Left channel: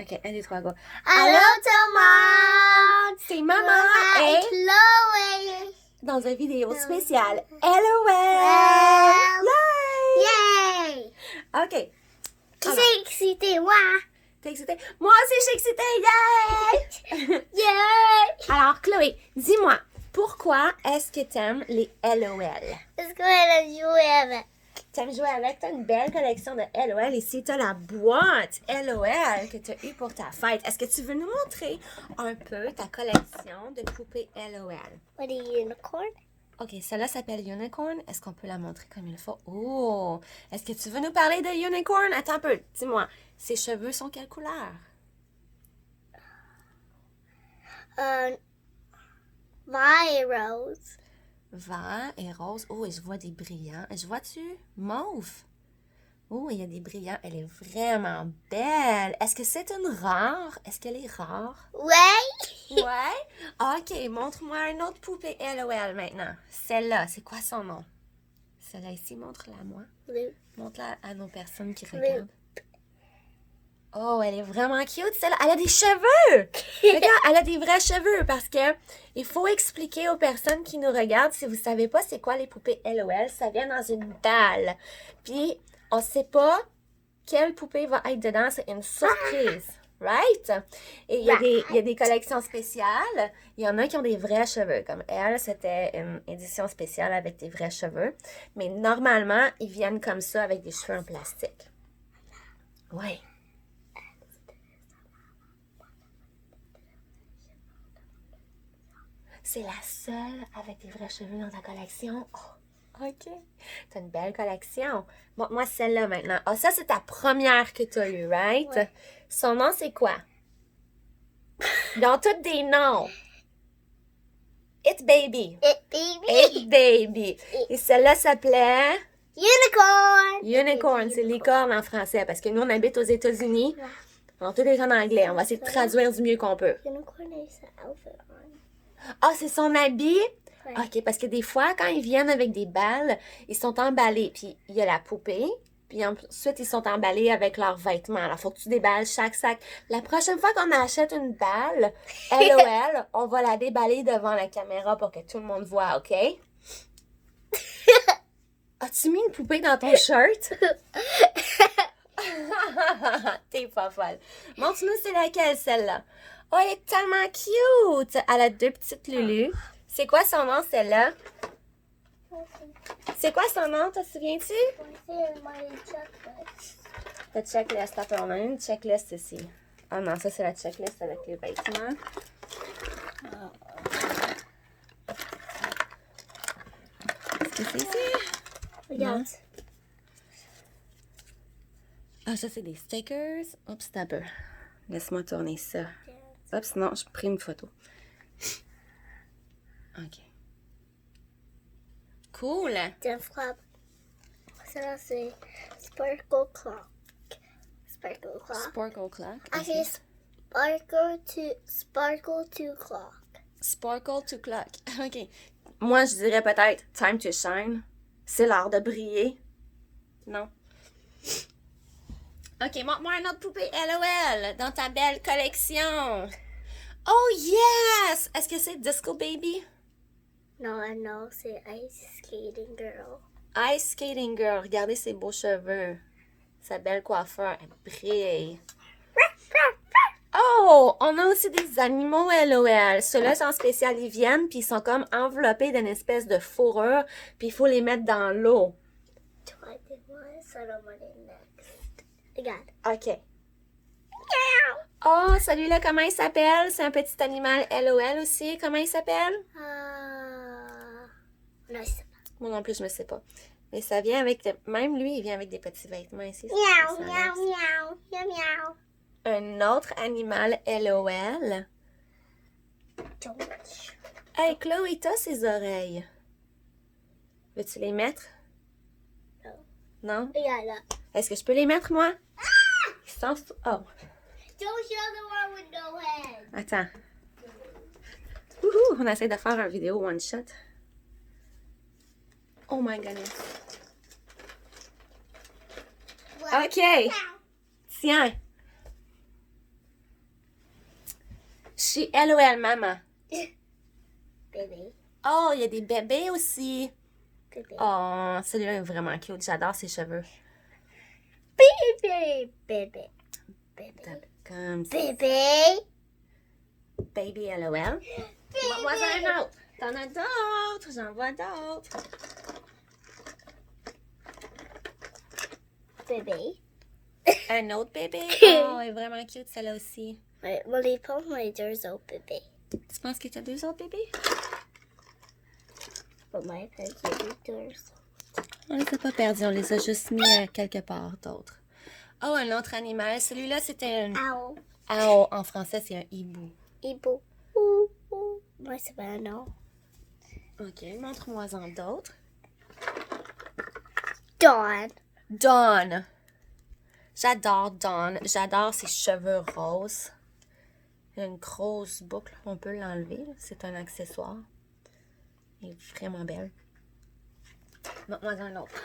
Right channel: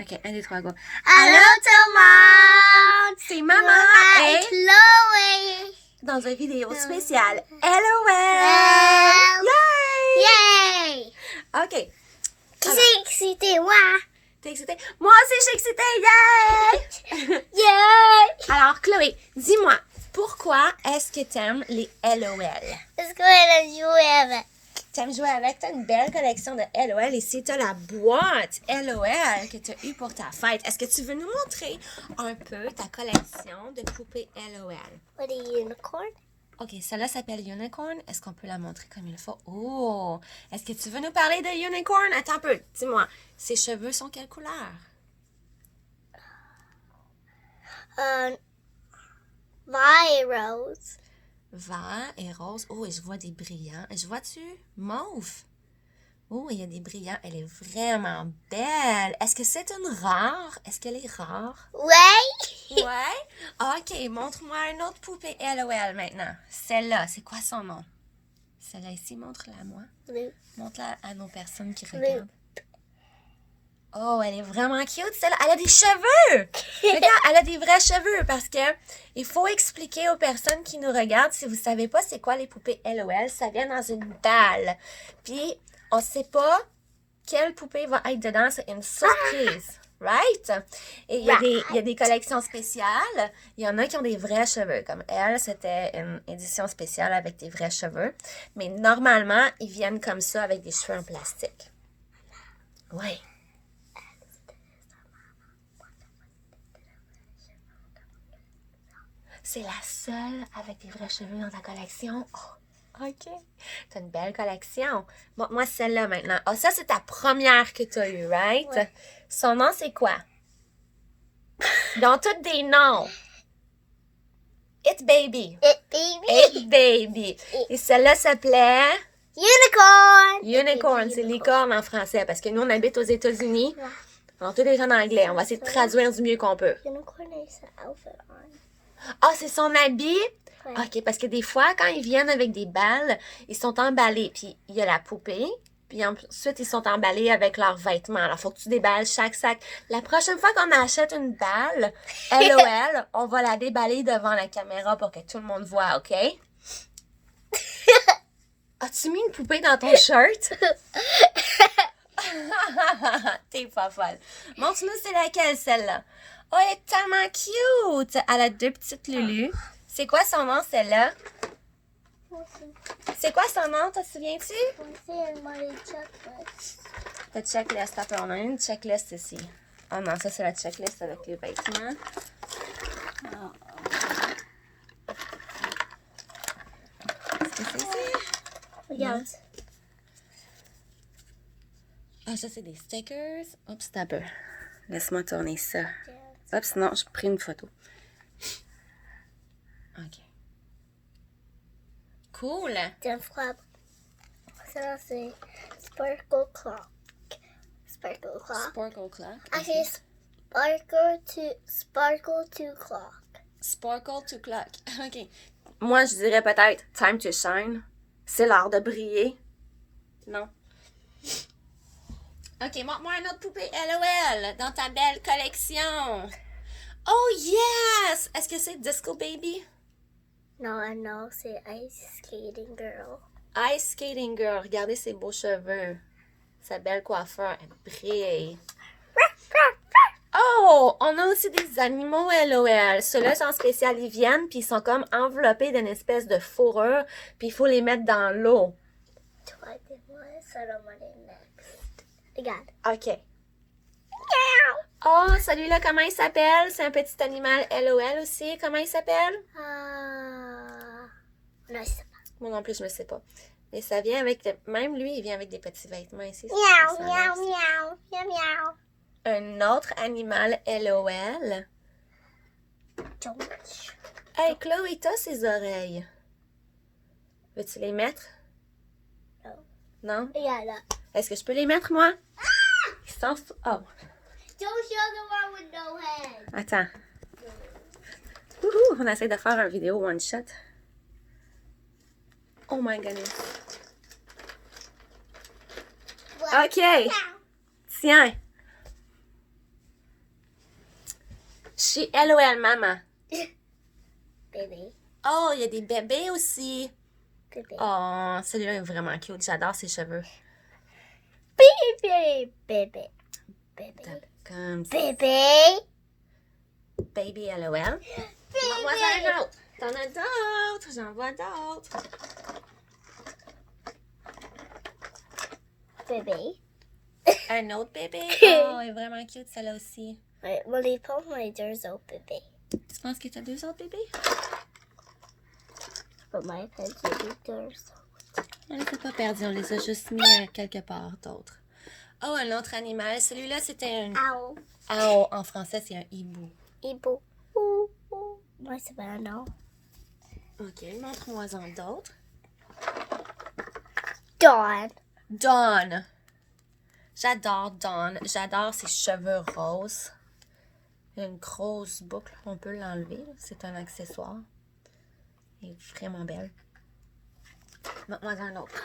OK, 1, 2, 3, go. Allô tout le monde! C'est Maman et Chloé! dans une vidéo spéciale LOL! Yay! Yay! OK. Qui Alors, c'est excité? Moi! t'es excitée? Moi aussi, je suis excitée! Yay! Yay! Alors, Chloé, dis-moi, pourquoi est-ce que t'aimes les LOL? Est-ce qu'on va jouer avec? T'aimes jouer avec? T'as une belle collection de LOL. Ici, t'as la boîte LOL que t'as eue pour ta fête. Est-ce que tu veux nous montrer un peu ta collection de poupées LOL? What a unicorn? OK, celle-là s'appelle Unicorn. Est-ce qu'on peut la montrer comme il faut? Oh! Est-ce que tu veux nous parler de Unicorn? Attends un peu. Dis-moi, ses cheveux sont quelle couleur? Vert et rose. Vert et rose. Oh, et je vois des brillants. Je vois-tu? Mauve. Oh, il y a des brillants. Elle est vraiment belle. Est-ce que c'est une rare? Est-ce qu'elle est rare? Ouais! Ouais? OK, montre-moi une autre poupée LOL maintenant. Celle-là, c'est quoi son nom? Celle-là ici, montre-la à moi. Blue. Montre-la à nos personnes qui Blue. regardent. Oh, elle est vraiment cute, celle-là. Elle a des cheveux! Regarde, elle a des vrais cheveux parce que il faut expliquer aux personnes qui nous regardent, si vous savez pas c'est quoi les poupées LOL, ça vient dans une balle. Puis, on sait pas quelle poupée va être dedans, c'est une surprise. Right? Et il y a des collections spéciales. Il y en a qui ont des vrais cheveux. Comme elle, c'était une édition spéciale avec des vrais cheveux. Mais normalement, ils viennent comme ça avec des cheveux en plastique. Ouais. C'est la seule avec des vrais cheveux dans ta collection. Oh, OK. T'as une belle collection. Bon, moi, celle-là maintenant. Ah, ça, c'est ta première que t'as eue, right? Ouais. Son nom, c'est quoi? Ils ont tous des noms. It Baby. It baby. It Baby. Et celle-là s'appelait Unicorn. Unicorn. C'est licorne en français parce que nous, on habite aux États-Unis. Ouais. Alors, tout est en anglais. On va essayer de traduire du mieux qu'on peut. Unicorn is an outfit on. Ah, c'est son habit? Ouais. OK, parce que des fois, quand ils viennent avec des balles, ils sont emballés. Puis, il y a la poupée. Puis ensuite, ils sont emballés avec leurs vêtements. Alors, il faut que tu déballes chaque sac. La prochaine fois qu'on achète une balle, LOL, on va la déballer devant la caméra pour que tout le monde voit, OK? As-tu mis une poupée dans ton shirt? T'es pas folle. Montre-nous c'est laquelle, celle-là. Oh, elle est tellement cute! Elle a 2 petites Lulu. C'est quoi son nom, celle-là? C'est quoi son nom, te souviens-tu? C'est my chocolate. La checklist, attends, on a une checklist ici. Oh non, ça c'est la checklist avec les vêtements. Est-ce que c'est ici? Regarde. Ah, ça c'est des stickers. Oups, t'as peu. Laisse-moi tourner ça. Hop, sinon, je prends une photo. OK. Cool! Tiens, frappe. Ça, c'est Sparkle Clock. Sparkle Clock. Sparkle clock. Actually, Sparkle to Clock. Sparkle to clock. OK. Moi, je dirais peut-être time to shine. C'est l'heure de briller. Non. OK, montre-moi une autre poupée LOL dans ta belle collection. Oh yes! Est-ce que c'est Disco Baby? Non, c'est Ice Skating Girl. Ice Skating Girl. Regardez ses beaux cheveux. Sa belle coiffure. Elle brille. Oh! On a aussi des animaux LOL. Ceux-là sont spécial. Ils viennent puis ils sont comme enveloppés d'une espèce de fourrure. Puis il faut les mettre dans l'eau. Toi, dis-moi, ça va aller next. Regarde. OK. Oh, celui-là, comment il s'appelle? C'est un petit animal LOL aussi. Comment il s'appelle? Non, je sais pas. Moi non plus, je ne sais pas. Mais ça vient avec... Même lui, il vient avec des petits vêtements ici. Miaou, miaou, miaou, miaou, miaou. Un autre animal LOL. George. Hey, Chloé, t'as ses oreilles. Veux-tu les mettre? Non. Non? Regarde là. Est-ce que je peux les mettre, moi? Sans... Oh. Don't show the one with no head. Attends. Wouhou, on essaie de faire une vidéo one shot. Oh my goodness. OK. Tiens. Chez LOL, maman. Bébé. Oh, il y a des bébés aussi. Bébé. Oh, celui-là est vraiment cute. J'adore ses cheveux. Bébé. Bébé. Bébé. Comme ça. Bébé. Baby LOL. Moi, j'en ai un autre. T'en as d'autres. J'en vois d'autres. Bébé. Un autre bébé. Oh, elle est vraiment cute, celle-là aussi. Ouais, on les prend les deux autres bébés. Tu penses que t'as deux autres bébés? But my friends, j'ai deux autres. On les a pas perdus, on les a juste mis quelque part d'autres. Oh, un autre animal. Celui-là, c'était un... Owl. Oh, en français, c'est un hibou. Hibou. Ouh, ouh. Moi, c'est pas un nom. OK, montre-moi-en d'autres. Dawn. Dawn. J'adore Dawn. J'adore ses cheveux roses. Il y a une grosse boucle. On peut l'enlever. C'est un accessoire. Elle est vraiment belle. Montre-moi-en un autre.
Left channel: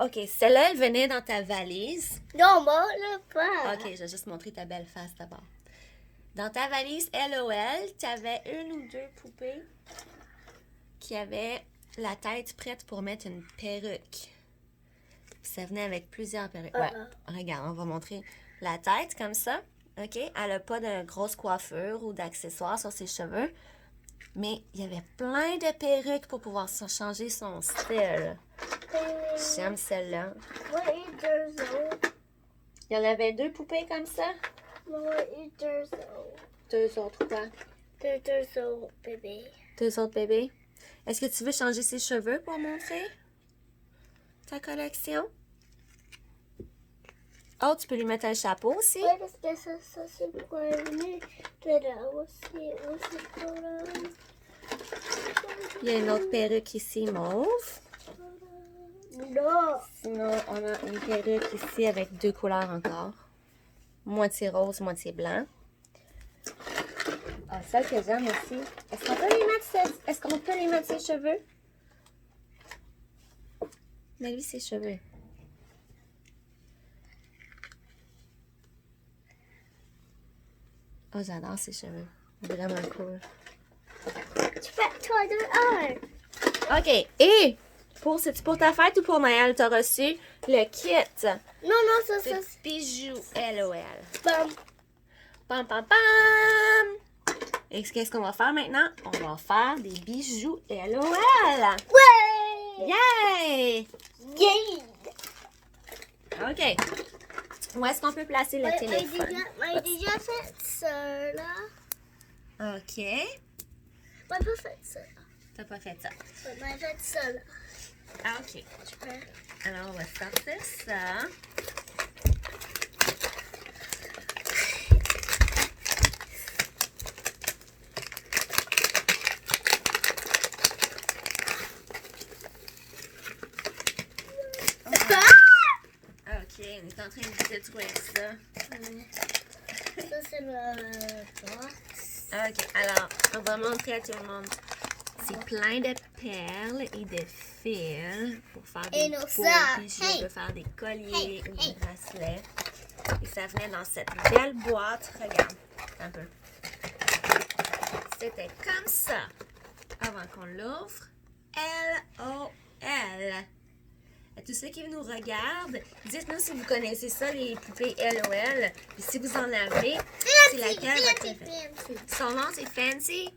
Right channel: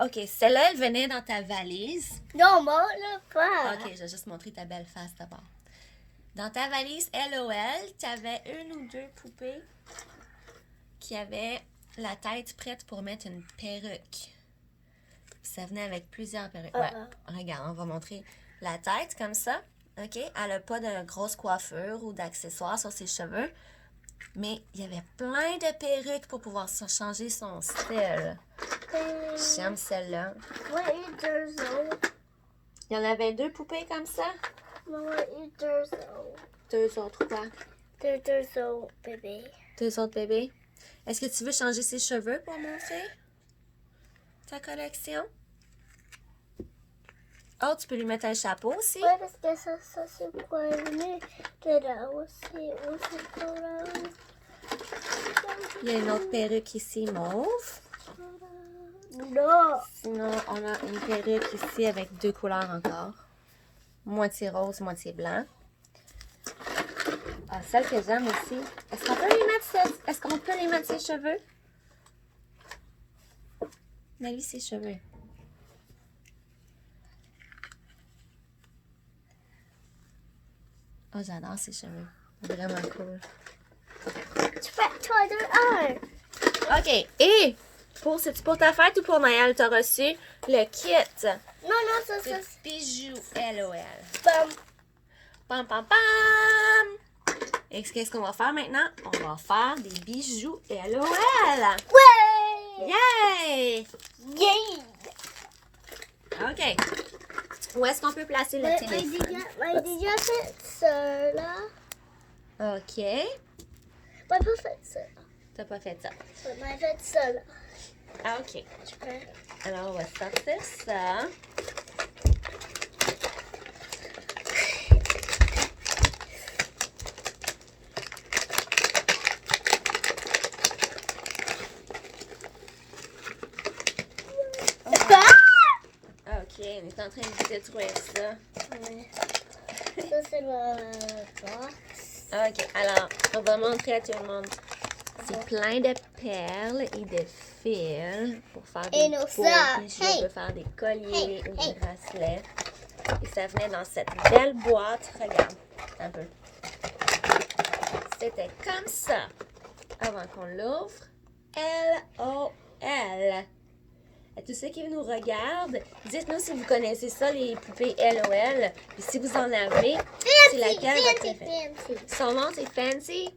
OK, celle-là, elle venait dans ta valise. Non, moi, le pas. OK, je vais juste montrer ta belle face d'abord. Dans ta valise LOL, tu avais une ou deux poupées qui avaient la tête prête pour mettre une perruque. Puis ça venait avec plusieurs perruques. Ouais, regarde, on va montrer la tête comme ça. OK? Elle n'a pas de grosse coiffure ou d'accessoires sur ses cheveux. Mais il y avait plein de perruques pour pouvoir changer son style. J'aime celle-là. Moi, j'ai deux autres. Il y en avait deux poupées comme ça? Moi, j'ai deux autres. Deux autres quoi? Deux autres bébés. Deux autres bébés. Est-ce que tu veux changer ses cheveux pour montrer ta collection? Oh, tu peux lui mettre un chapeau aussi? Oui, parce que ça c'est pour venir de là aussi pour là. Il y a une autre perruque ici, mauve. Non. Sinon, on a une perruque ici avec deux couleurs encore. Moitié rose, moitié blanc. Ah, celle que j'aime aussi. Est-ce qu'on peut lui mettre ses cheveux? Mets-lui ses cheveux. Oh, j'adore ses cheveux. Vraiment cool. Tu fais toi de un. OK. Et c'est-tu pour ta fête ou pour Noël? T'as reçu le kit. Non, ça C'est bijoux LOL. Bam. Pam, pam, pam! Et qu'est-ce qu'on va faire maintenant? On va faire des bijoux LOL! Ouais. Yay! Yay. OK. Où est-ce qu'on peut placer le téléphone? J'ai déjà fait ça là. OK. Moi, pas fait ça. T'as pas fait ça. Moi, fait ça là. Ah, OK. Alors, on va sortir ça. OK, on est en train de détruire ça. Ça, c'est le box. OK, alors, on va montrer à tout le monde. C'est plein de perles et de fils pour faire Et des nos beaux sœurs. bijoux, Hey. pour faire des colliers ou Hey. des bracelets. Et ça venait dans cette belle boîte. Regarde, un peu. C'était comme ça. Avant qu'on l'ouvre. LOL. À tous ceux qui nous regardent, dites-nous si vous connaissez ça, les poupées LOL. Et si vous en avez, c'est laquelle votre préférée? Fancy. Son nom, c'est Fancy.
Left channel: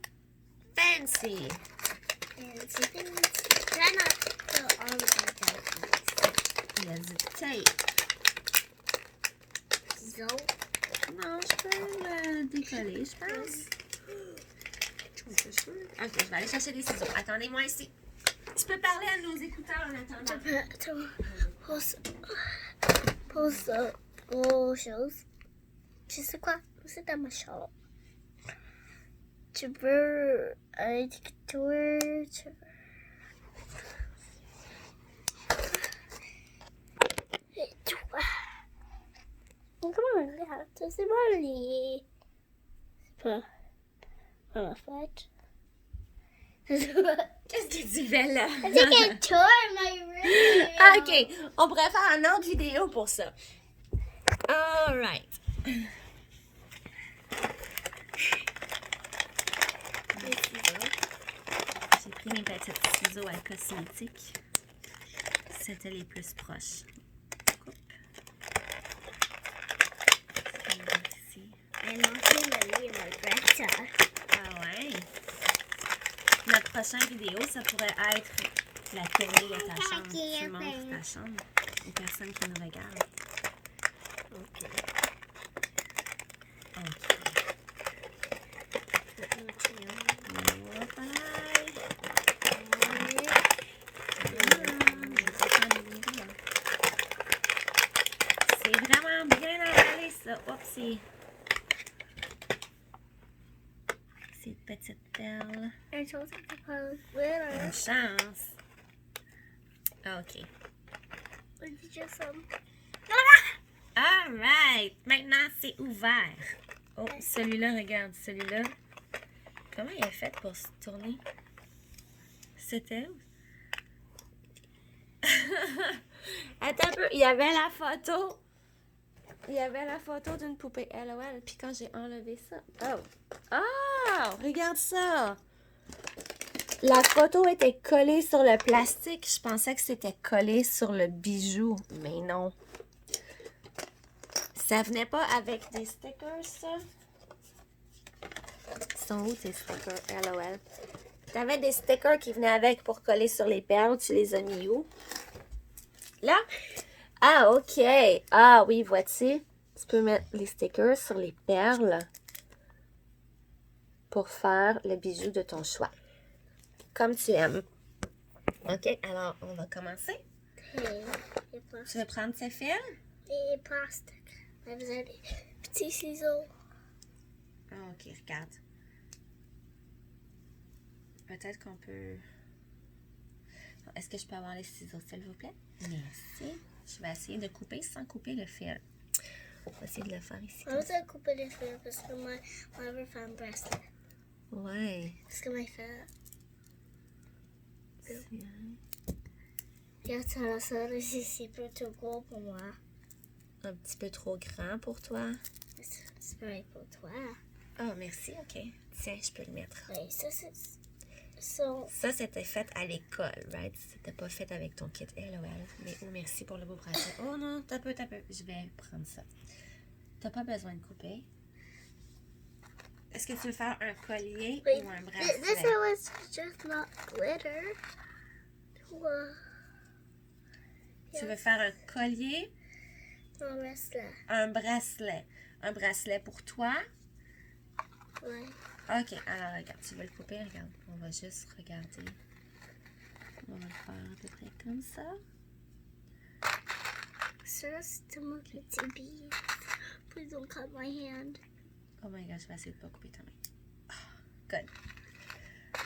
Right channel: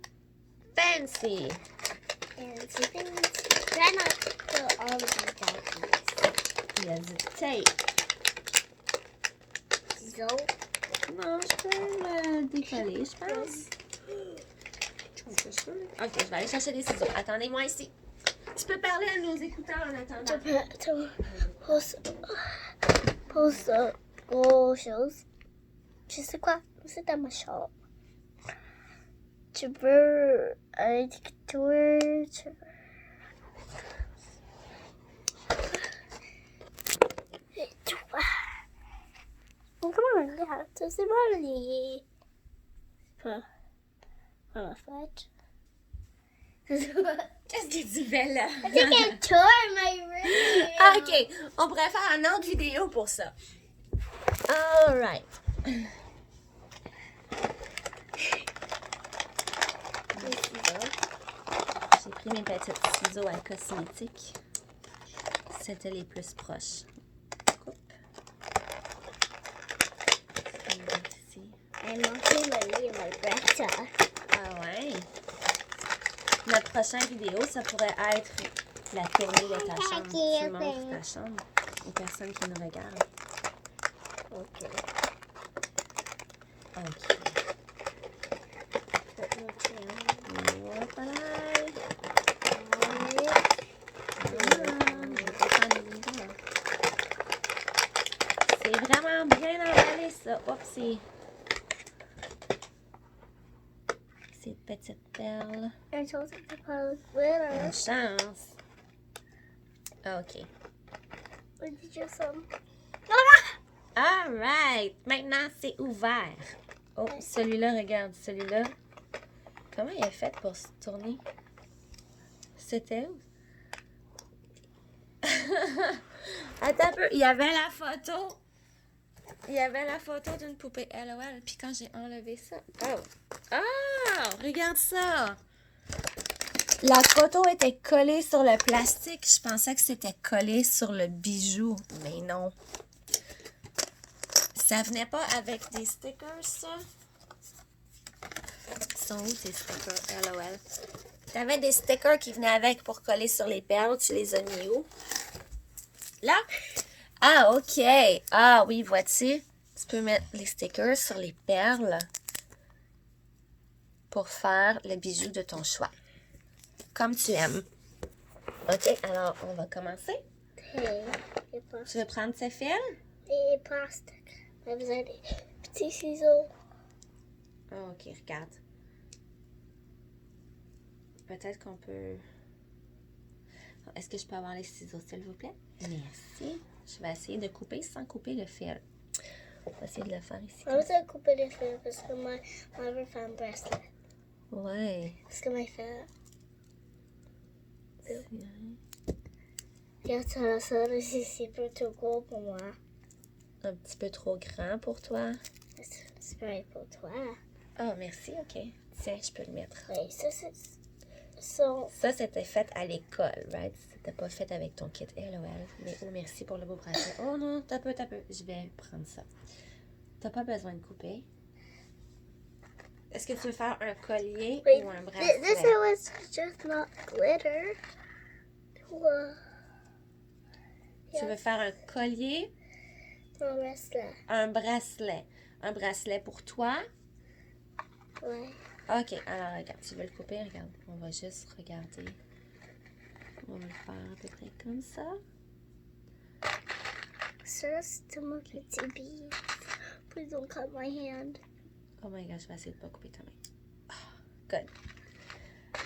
Fancy. Try not to put all of these Il y a du tape. So, Non, je peux le décoller, je pense. Ok, je vais aller chercher des ciseaux. Attendez-moi ici. Tu peux parler à nos écouteurs en attendant. pour ça, aux choses. Tu sais quoi? C'est dans ma chambre. Tu veux un dictateur? Et toi? Comment regarde? C'est mon lit. En fait. Qu'est-ce que tu fais là? I think I tore my room. Ok, on pourrait faire une autre vidéo pour ça. Alright. J'ai pris mes petites ciseaux à cosmétiques. C'était les plus proches. Coupe. Ici. I'm also Lily and Greta. Ah ouais. Notre prochaine vidéo, ça pourrait être la tournée de ta chambre. Tu montres ta chambre aux personnes qui nous regardent. Okay. Ok. C'est vraiment bien emballé, ça. Oupsie. Ces petites perles. I told you to put glitter. Bonne chance. OK. What did you just All right. Maintenant, c'est ouvert. Oh, celui-là, regarde. Celui-là. Comment il a fait pour se tourner? C'était où? Attends un peu. Il y avait la photo. Il y avait la photo d'une poupée LOL. Puis quand j'ai enlevé ça... Oh! Ah! Regarde ça! La photo était collée sur le plastique. Je pensais que c'était collé sur le bijou. Mais non. Ça venait pas avec des stickers, ça? Ils sont où tes stickers LOL? T'avais des stickers qui venaient avec pour coller sur les perles. Tu les as mis où? Là? Ah, OK. Ah oui, vois-tu? Tu peux mettre les stickers sur les perles pour faire le bijou de ton choix. Comme tu aimes. OK, alors on va commencer. Tu veux prendre ce fil? Et plastique. J'ai besoin des petits ciseaux. OK, regarde. Peut-être qu'on peut... Est-ce que je peux avoir les ciseaux, s'il vous plaît? Merci. Je vais essayer de couper sans couper le fil. Je vais essayer de le faire ici. On va couper les fils parce que moi, je veux faire un bracelet. Ouais. Parce que ma fille... Regarde ça, c'est plutôt gros pour moi. Un petit peu trop grand pour toi. C'est pareil pour toi. Oh, merci, OK. Tiens, je peux le mettre. Oui, ça, c'est... Ça, c'était fait à l'école, right? C'était pas fait avec ton kit LOL. Mais oh, merci pour le beau bracelet. Oh non, t'as peu. Je vais prendre ça. T'as pas besoin de couper. Est-ce que tu veux faire un collier ou un bracelet? This was just not glitter. Tu veux faire un collier? Un bracelet. Un bracelet. Un bracelet pour toi? Oui. OK, alors regarde, tu veux le couper? Regarde, on va juste regarder. On va le faire à peu près comme ça. Ça, c'est mon petit billet. Please don't cut my hand. Oh my god, je vais essayer de pas couper ta main. Oh, good.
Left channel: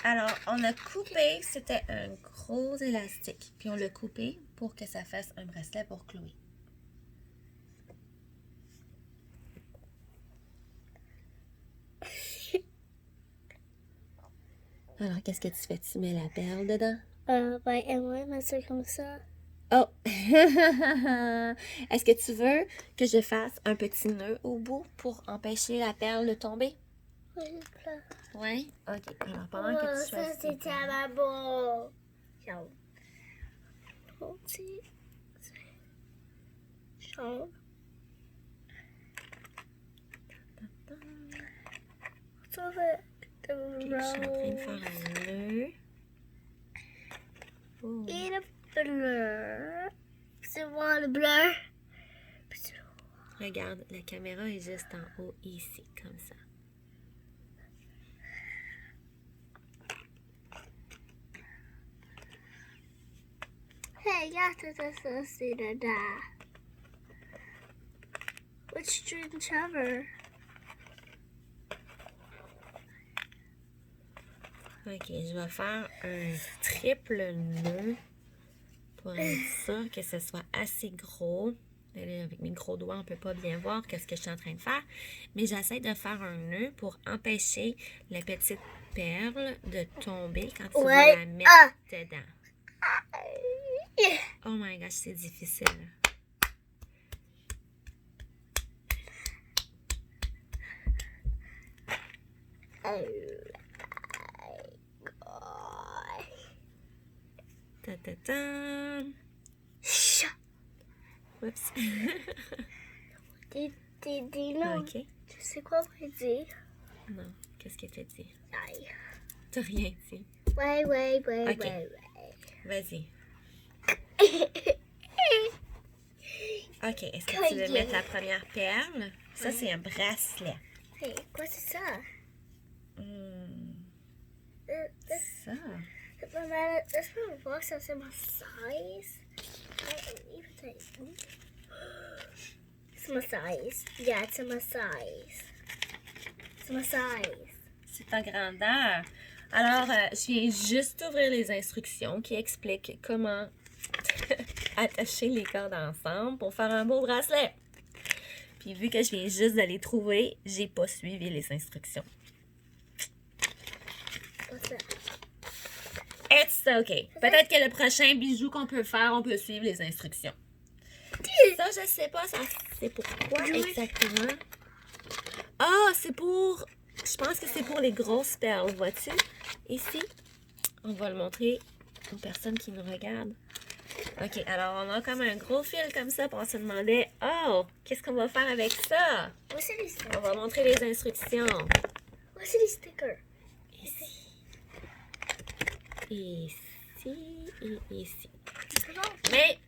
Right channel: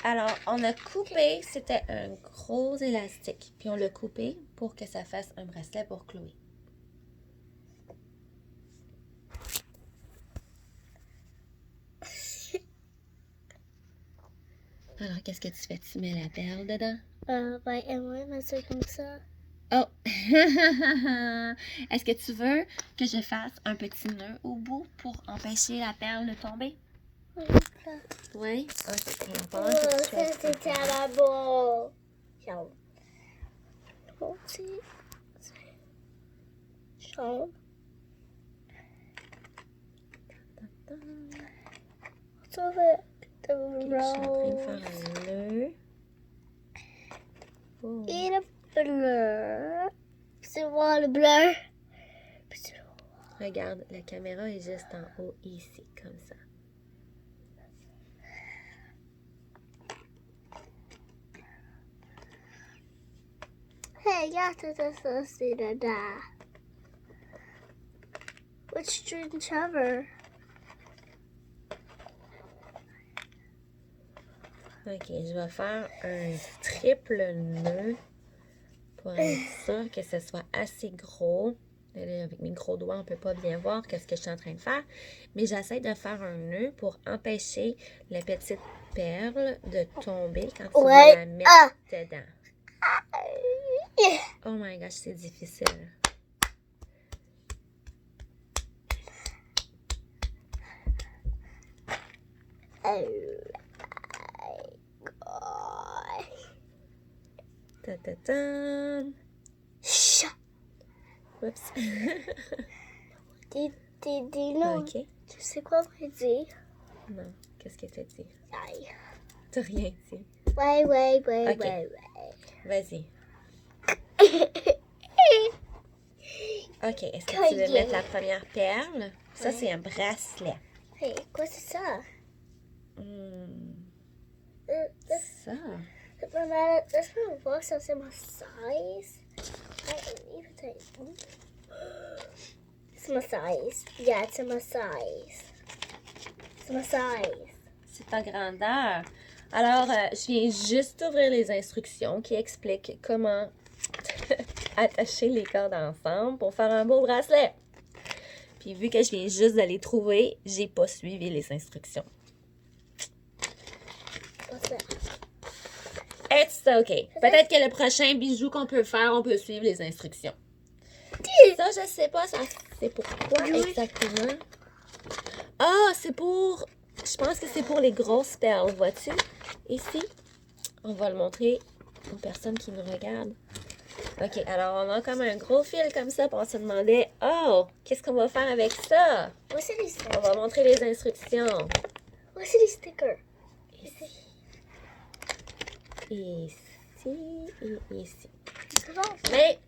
Alors, on a coupé, c'était un gros élastique. Puis on l'a coupé pour que ça fasse un bracelet pour Chloé. Alors, qu'est-ce que tu fais? Tu mets la perle dedans? Et moi, mais c'est comme ça. Oh! Est-ce que tu veux que je fasse un petit nœud au bout pour empêcher la perle de tomber? Oui? Ok. Oh, ça, c'était là-bas. Petit. Jaune. Ça fait... Ok, je suis en train de faire un nœud. Oh. Et le bleu. C'est voir le bleu. Regarde, la caméra est juste en haut ici, comme ça. Hey, regarde ça, c'est dedans. Which string cover? Ok, je vais faire un triple nœud pour être sûr que ce soit assez gros. Là, avec mes gros doigts, on ne peut pas bien voir ce que je suis en train de faire. Mais j'essaie de faire un nœud pour empêcher la petite perle de tomber quand tu veux la mettre dedans. Oh my gosh, c'est difficile. Ta-ta-ta. Chat. Oups. Non. Ok. Tu sais quoi on va dire? Non. Qu'est-ce que t'as dit? Aïe. T'as rien dit. Ouais. Ok. Vas-y. Ok. Est-ce que tu veux Collier. mettre la première perle? Ça, Ouais. c'est un bracelet. Hey, quoi c'est ça? Ça. Laisse-moi voir ça, c'est ma size. It's my size. Yeah, it's my size. It's my size. C'est ta grandeur. Alors, je viens juste d'ouvrir les instructions qui expliquent comment attacher les cordes ensemble pour faire un beau bracelet. Puis vu que je viens juste de les trouver, j'ai pas suivi les instructions. What's that? It's okay. Peut-être que le prochain bijou qu'on peut faire, on peut suivre les instructions. Ça, je sais pas, c'est pour quoi exactement. Ah, c'est pour... Je pense que c'est pour les grosses perles, vois-tu? Ici, on va le montrer aux personnes qui nous regardent. Ok, alors on a comme un gros fil comme ça, puis on se demandait, oh, qu'est-ce qu'on va faire avec ça? What's les stickers? On va montrer les instructions. What's les stickers? Ici et ici. Non. Mais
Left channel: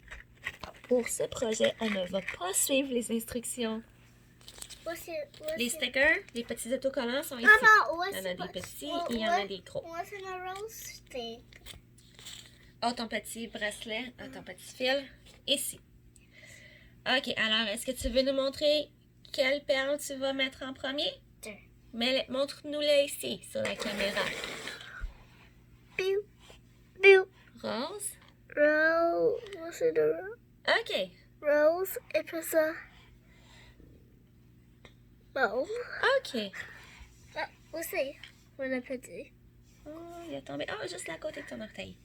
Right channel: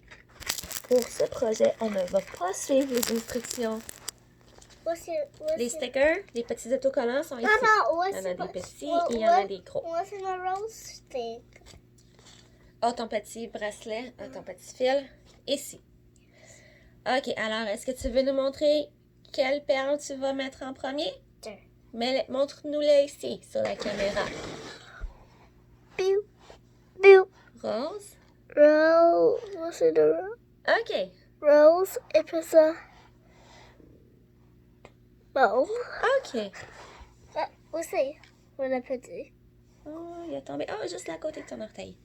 pour ce projet, on ne va pas suivre les instructions. Les stickers, les petits autocollants sont ici. Il y en a des petits et il y en a des gros. What's in a rose stick? Oh, ton petit bracelet, ton petit fil, ici. Ok, alors est-ce que tu veux nous montrer quelle perle tu vas mettre en premier? Montre-nous-la ici, sur la caméra. Pew. Pew. Rose. Rose. What's in a rose? Ok. Rose. Et puis ça. Mauve. Ok. Ah, aussi. On a petit. Oh, il est tombé. Oh, juste à côté de ton orteil.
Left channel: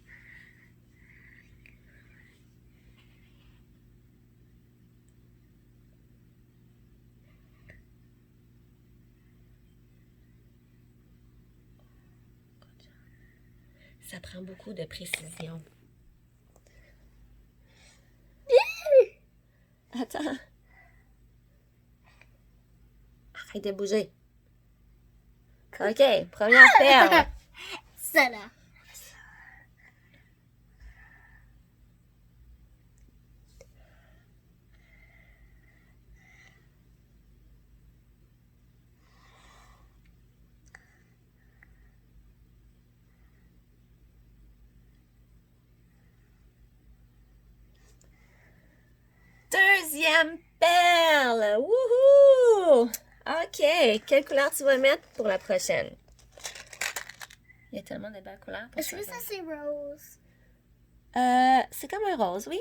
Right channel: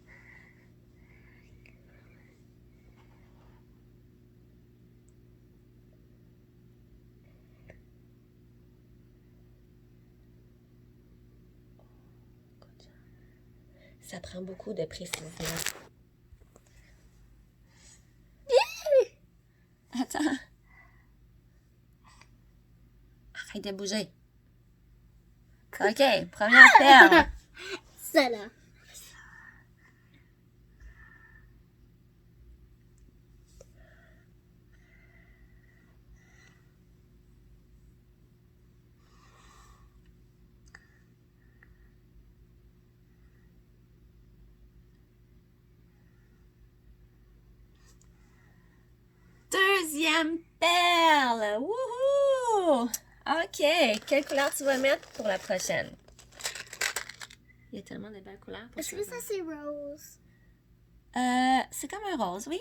Ça prend beaucoup de précision. Attends. Arrête de bouger. Ok, première perle. Ça là. Deuxième perle. Wouhou! Ok, quelle couleur tu vas mettre pour la prochaine? Il y a tellement de belles couleurs. Est-ce que ça c'est rose? C'est comme un rose, oui.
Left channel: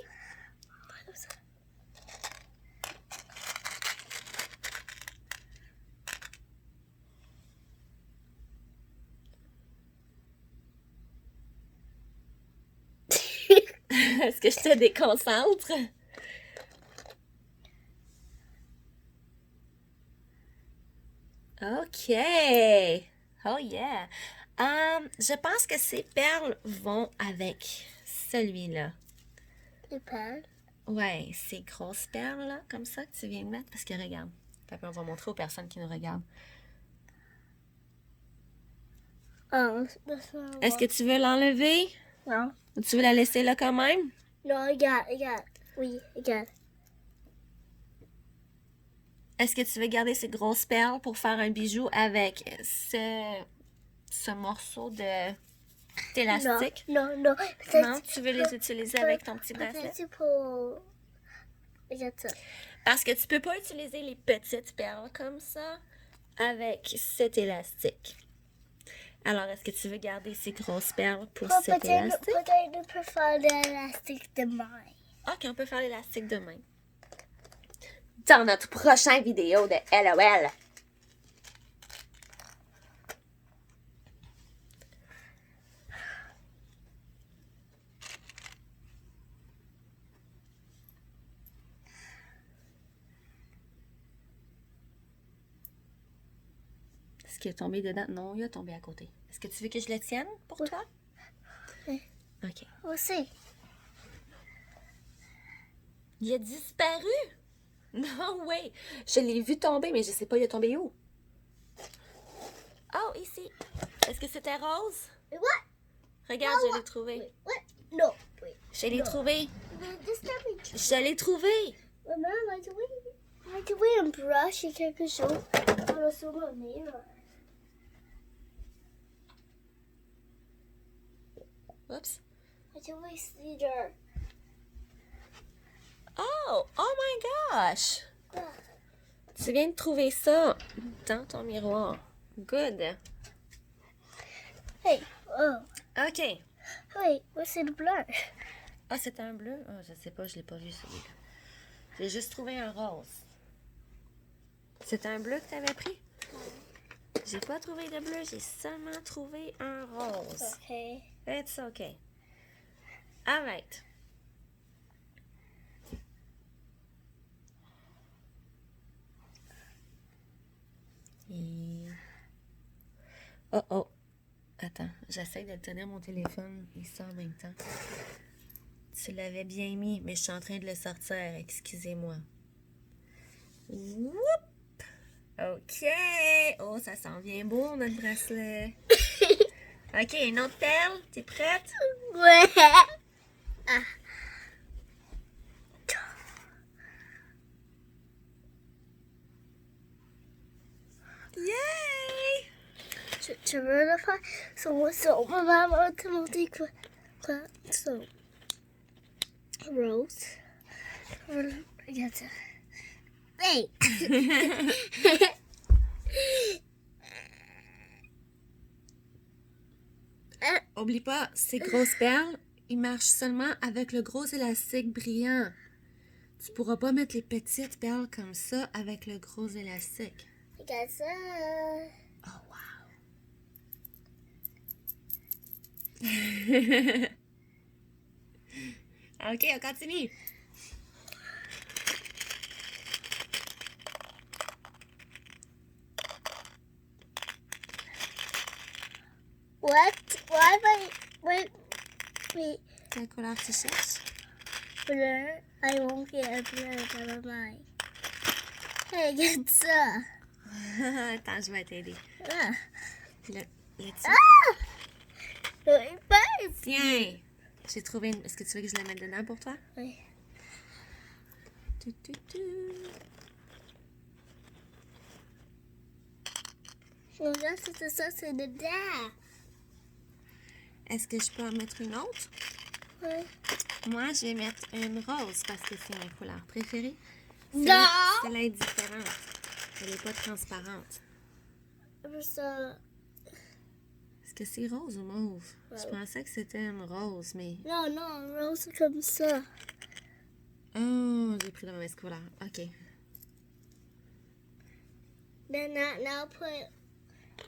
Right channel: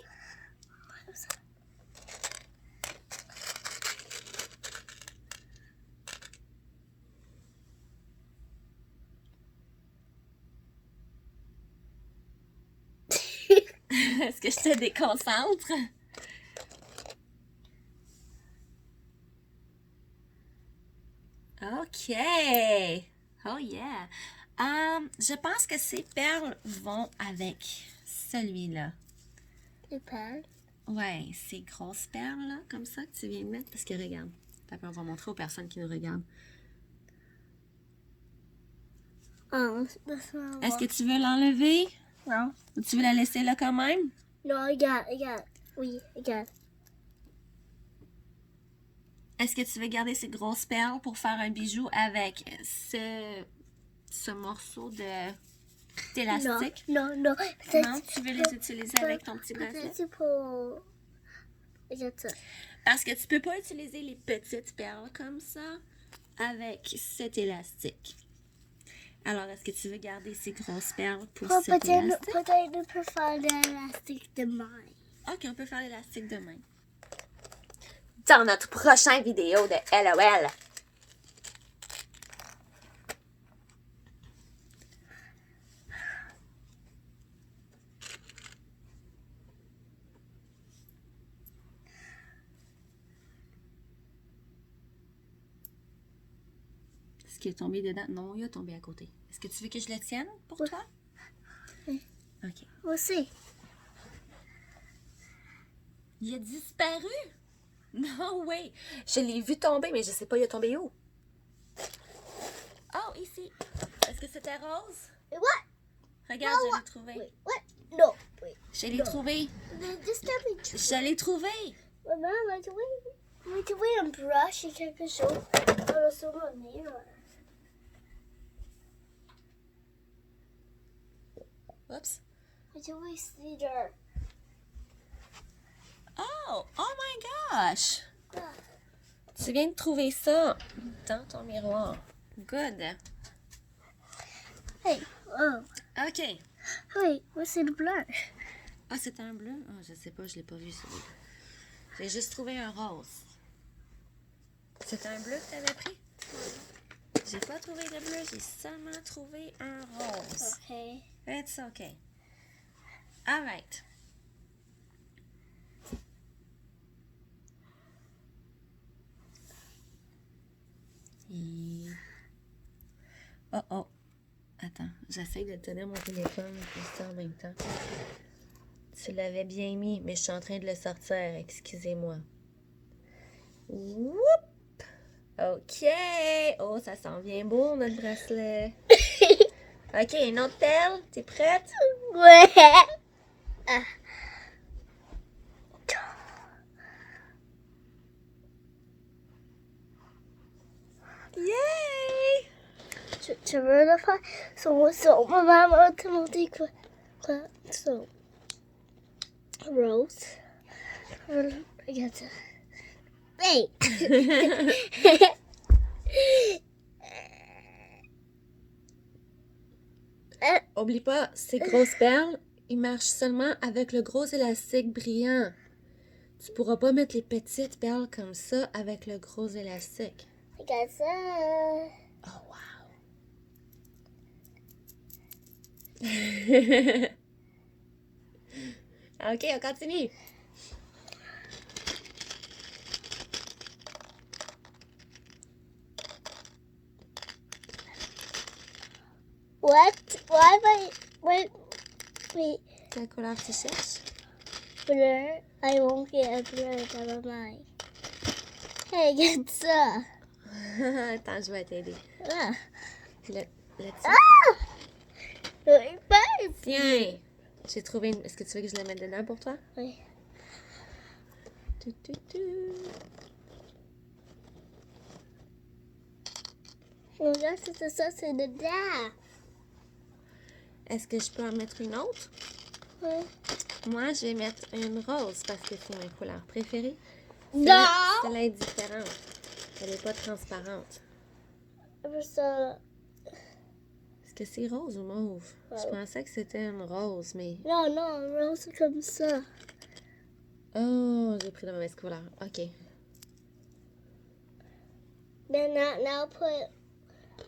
Est-ce que je te déconcentre? OK. Oh yeah. Je pense que ces perles vont avec celui-là. Les perles. Ouais, ces grosses perles là, comme ça que tu viens de mettre. Parce que regarde, on va montrer aux personnes qui nous regardent. Ah, Est-ce que tu veux l'enlever? Non. Ou tu veux la laisser là quand même? Non, regarde. Oui, regarde. Est-ce que tu veux garder ces grosses perles pour faire un bijou avec ce morceau d'élastique? Non. Non, tu veux les utiliser avec ton petit bracelet? C'est pour... Regarde ça. Parce que tu peux pas utiliser les petites perles comme ça avec cet élastique. Alors, est-ce que tu veux garder ces grosses perles pour cet élastique? Peut-être on peut faire l'élastique de main. Ok, on peut faire l'élastique demain. Dans notre prochaine vidéo de LOL. Est-ce qu'il est tombé dedans? Non, il est tombé à côté. Est-ce que tu veux que je le tienne pour toi? Oui. Ok. Aussi. Il a disparu? Non, oui. Je l'ai vu tomber, mais je sais pas, il est tombé où? Oh, ici. Est-ce que c'était rose? What? Regarde, je l'ai trouvé. Wait, what? No, wait. Je l'ai trouvé. This time we Je l'ai trouvé. Maman, vai trouver un brush et quelque chose dans le souvenir. Oups. Vai trouver cedar. Oh my gosh. Ah. Tu viens de trouver ça dans ton miroir. Good. Hey, OK. hey, c'est le blush. Ah, c'est un bleu? Ah, je sais pas, je l'ai pas vu celui-là. J'ai juste trouvé un rose. C'est un bleu que tu avais pris? J'ai pas trouvé de bleu, j'ai seulement trouvé un rose. Okay. It's okay. All right. Oh oh. Attends, j'essaie de tenir mon téléphone et ça en même temps. Tu l'avais bien mis, mais je suis en train de le sortir. Excusez-moi. Whoop! OK. Oh, ça sent bien beau, notre bracelet. OK, une autre perle. T'es prête? Ouais. Ah. Yay! Tu veux le faire? Son maman va te montrer quoi? Son rose. Regarde ça. Hey! Oublie pas, ces grosses perles, ils marchent seulement avec le gros élastique brillant. Tu pourras pas mettre les petites perles comme ça avec le gros élastique. Regarde ça. Oh, wow! OK, on continue. What? Wait. Quelle couleur tu cherches? Bleu. I won't get a bleu, never mind. Hey, regarde ça. Attends, je vais t'aider. Ah. Là-dessus. Babe. Tiens! J'ai trouvé une... Est-ce que tu veux que je la mette dedans pour toi? Oui. Tu. Regarde, c'est ça, c'est dedans. Est-ce que je peux en mettre une autre? Oui. Moi, je vais mettre une rose parce que c'est ma couleur préférée. Non! Celle-là est différente. Elle n'est pas transparente. Ça... Est-ce que c'est rose ou mauve? Ouais. Je pensais que c'était une rose, mais... Non, rose, c'est comme ça. Oh, j'ai pris la mauvaise couleur. OK. Then now put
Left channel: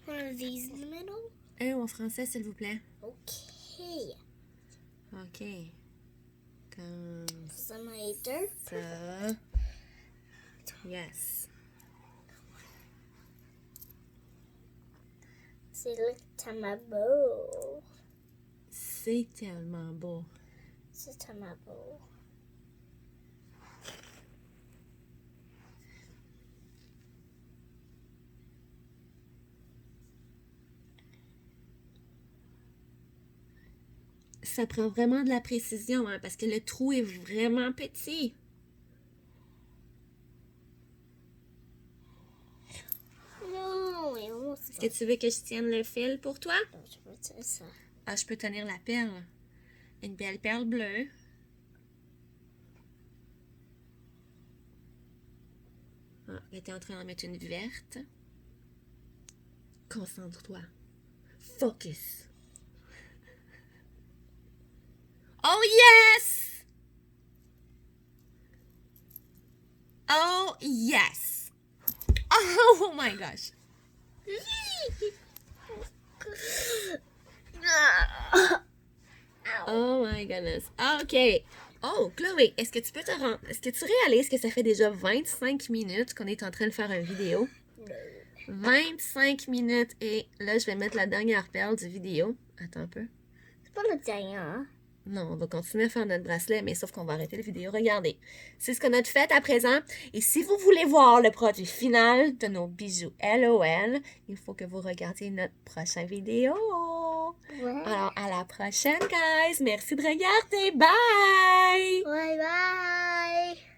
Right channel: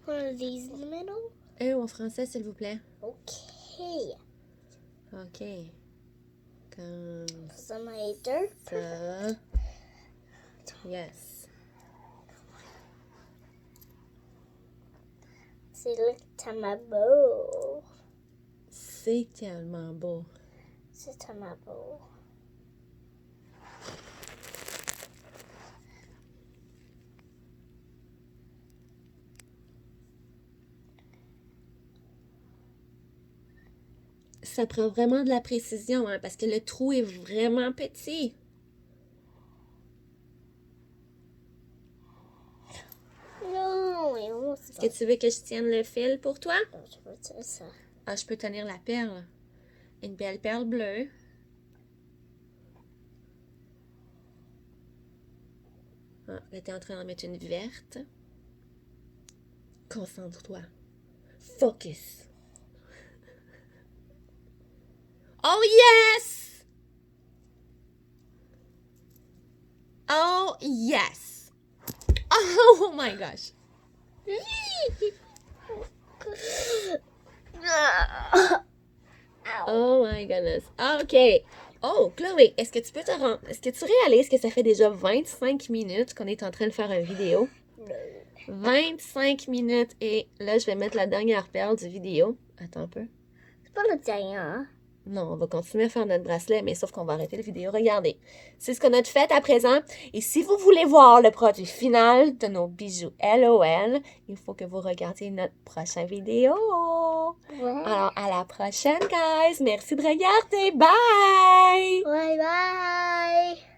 one of these in the middle. Un en français, s'il vous plaît. Okay. OK. Comme Some later. ça. Yes. C'est le tamabo. C'est tellement beau. C'est tamabo. Ça prend vraiment de la précision, hein, parce que le trou est vraiment petit. Non, mais on Est-ce que tu veux que je tienne le fil pour toi? Je veux dire ça. Ah, je peux tenir la perle. Une belle perle bleue. Ah, là, t'es en train d'en mettre une verte. Concentre-toi. Focus. Oh yes! Oh yes! Oh my gosh! Oh my goodness. Ah, OK. Oh, Chloé, est-ce que tu peux Est-ce que tu réalises que ça fait déjà 25 minutes qu'on est en train de faire une vidéo? 25 minutes et là, je vais mettre la dernière perle du vidéo. Attends un peu. C'est pas le dernier, hein? Non, on va continuer à faire notre bracelet, mais sauf qu'on va arrêter la vidéo. Regardez, c'est ce qu'on a fait à présent. Et si vous voulez voir le produit final de nos bijoux LOL, il faut que vous regardiez notre prochaine vidéo. Ouais. Alors, à la prochaine, guys. Merci de regarder. Bye! Bye bye.